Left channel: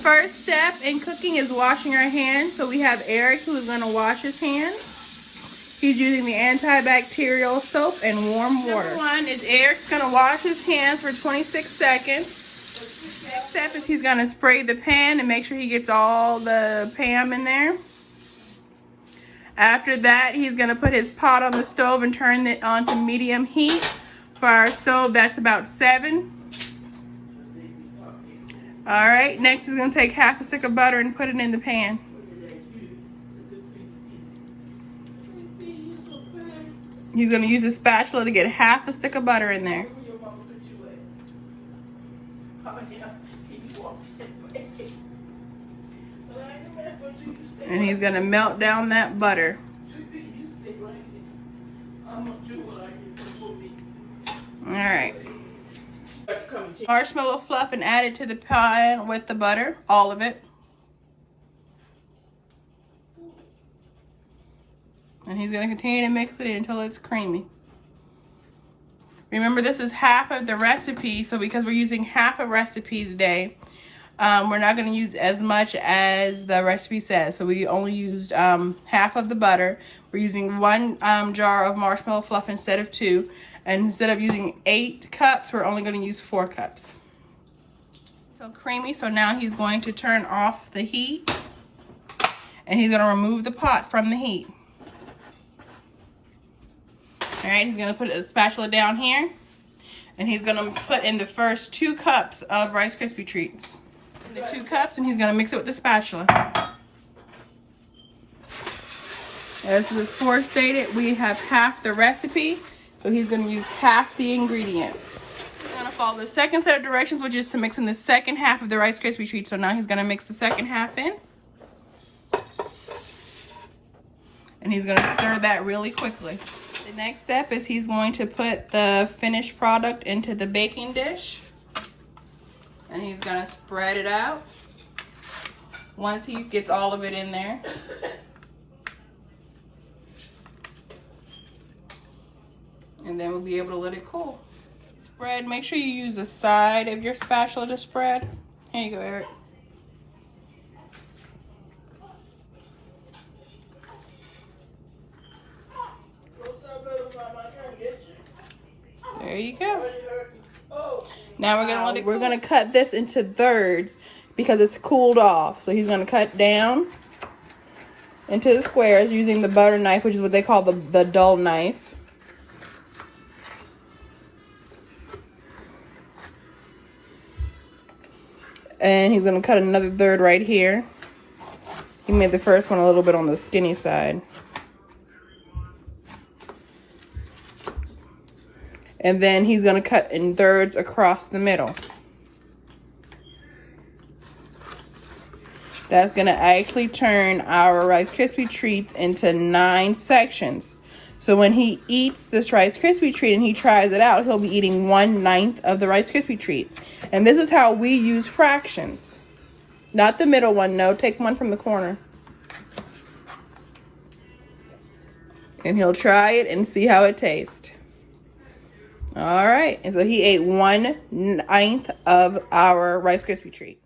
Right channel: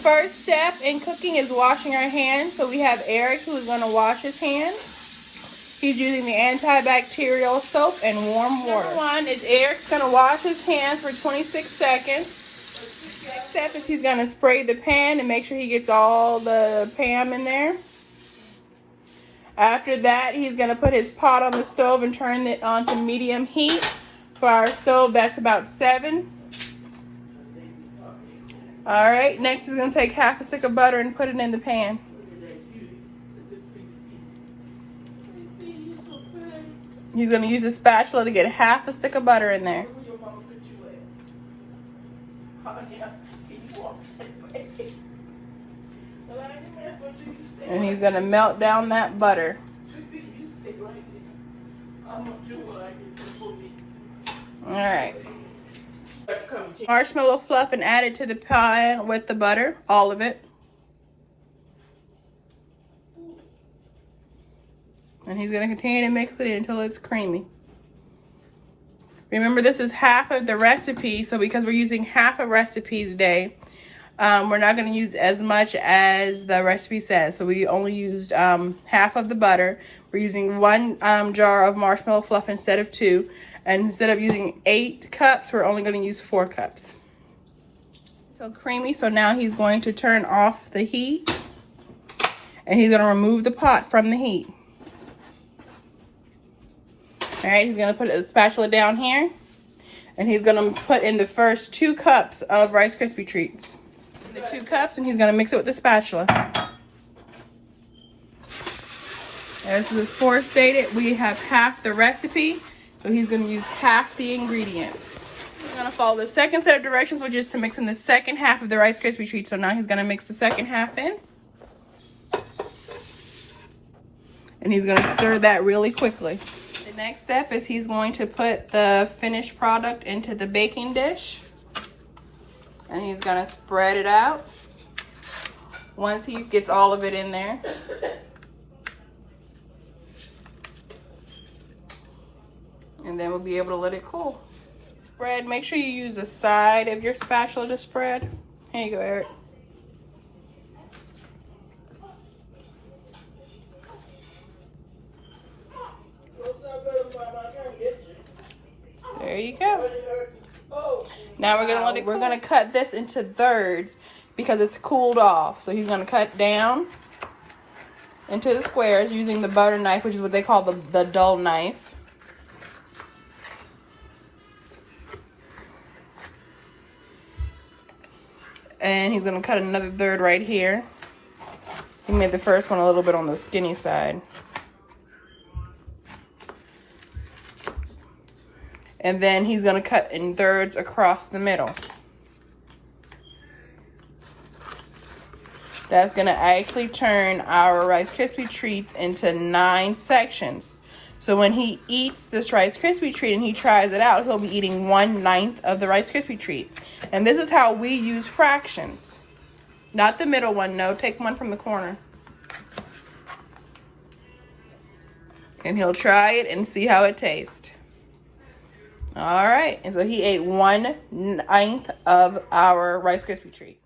first step in cooking is washing our hands. So we have Eric who's going to wash his hands. He's using the antibacterial soap and warm water. Number one is Eric's going to wash his hands for 26 seconds. Next step is he's going to spray the pan and make sure he gets all the Pam in there. After that, he's going to put his pot on the stove and turn it on to medium heat. For our stove, that's about 7. Alright, next he's going to take half a stick of butter and put it in the pan. He's going to use a spatula to get half a stick of butter in there. And he's going to melt down that butter. Alright. Marshmallow fluff and add it to the pan with the butter, all of it. And he's going to continue to mix it until it's creamy. Remember, this is half of the recipe, so because we're using half a recipe today, we're not going to use as much as the recipe says. So we only used half of the butter. We're using 1 jar of marshmallow fluff instead of 2. And instead of using 8 cups, we're only going to use 4 cups. So creamy, so now he's going to turn off the heat. And he's going to remove the pot from the heat. Alright, he's going to put a spatula down here. And he's going to put in the first 2 cups of Rice Krispie Treats. The 2 cups, and he's going to mix it with the spatula. As before stated, we have half the recipe. So he's going to use half the ingredients. He's going to follow the second set of directions, which is to mix in the second half of the Rice Krispie Treats. So now he's going to mix the second half in. And he's going to stir that really quickly. The next step is he's going to put the finished product into the baking dish. And he's going to spread it out once he gets all of it in there. And then we'll be able to let it cool. Spread, make sure you use the side of your spatula to spread. Here you go, Eric. There you go. Now we're gonna let it cool. We're gonna cut this into thirds because it's cooled off. So he's gonna cut down into the squares using the butter knife, which is what they call the dull knife. And he's gonna cut another third right here. He made the first one a little bit on the skinny side. And then he's gonna cut in thirds across the middle. That's gonna actually turn our Rice Krispie Treats into 9 sections. So when he eats this Rice Krispie Treat and he tries it out, he'll be eating 1/9 of the Rice Krispie Treat. And this is how we use fractions. Not the middle one, no. Take one from the corner. And he'll try it and see how it tastes. All right. And so he ate 1/9 of our Rice Krispie Treat.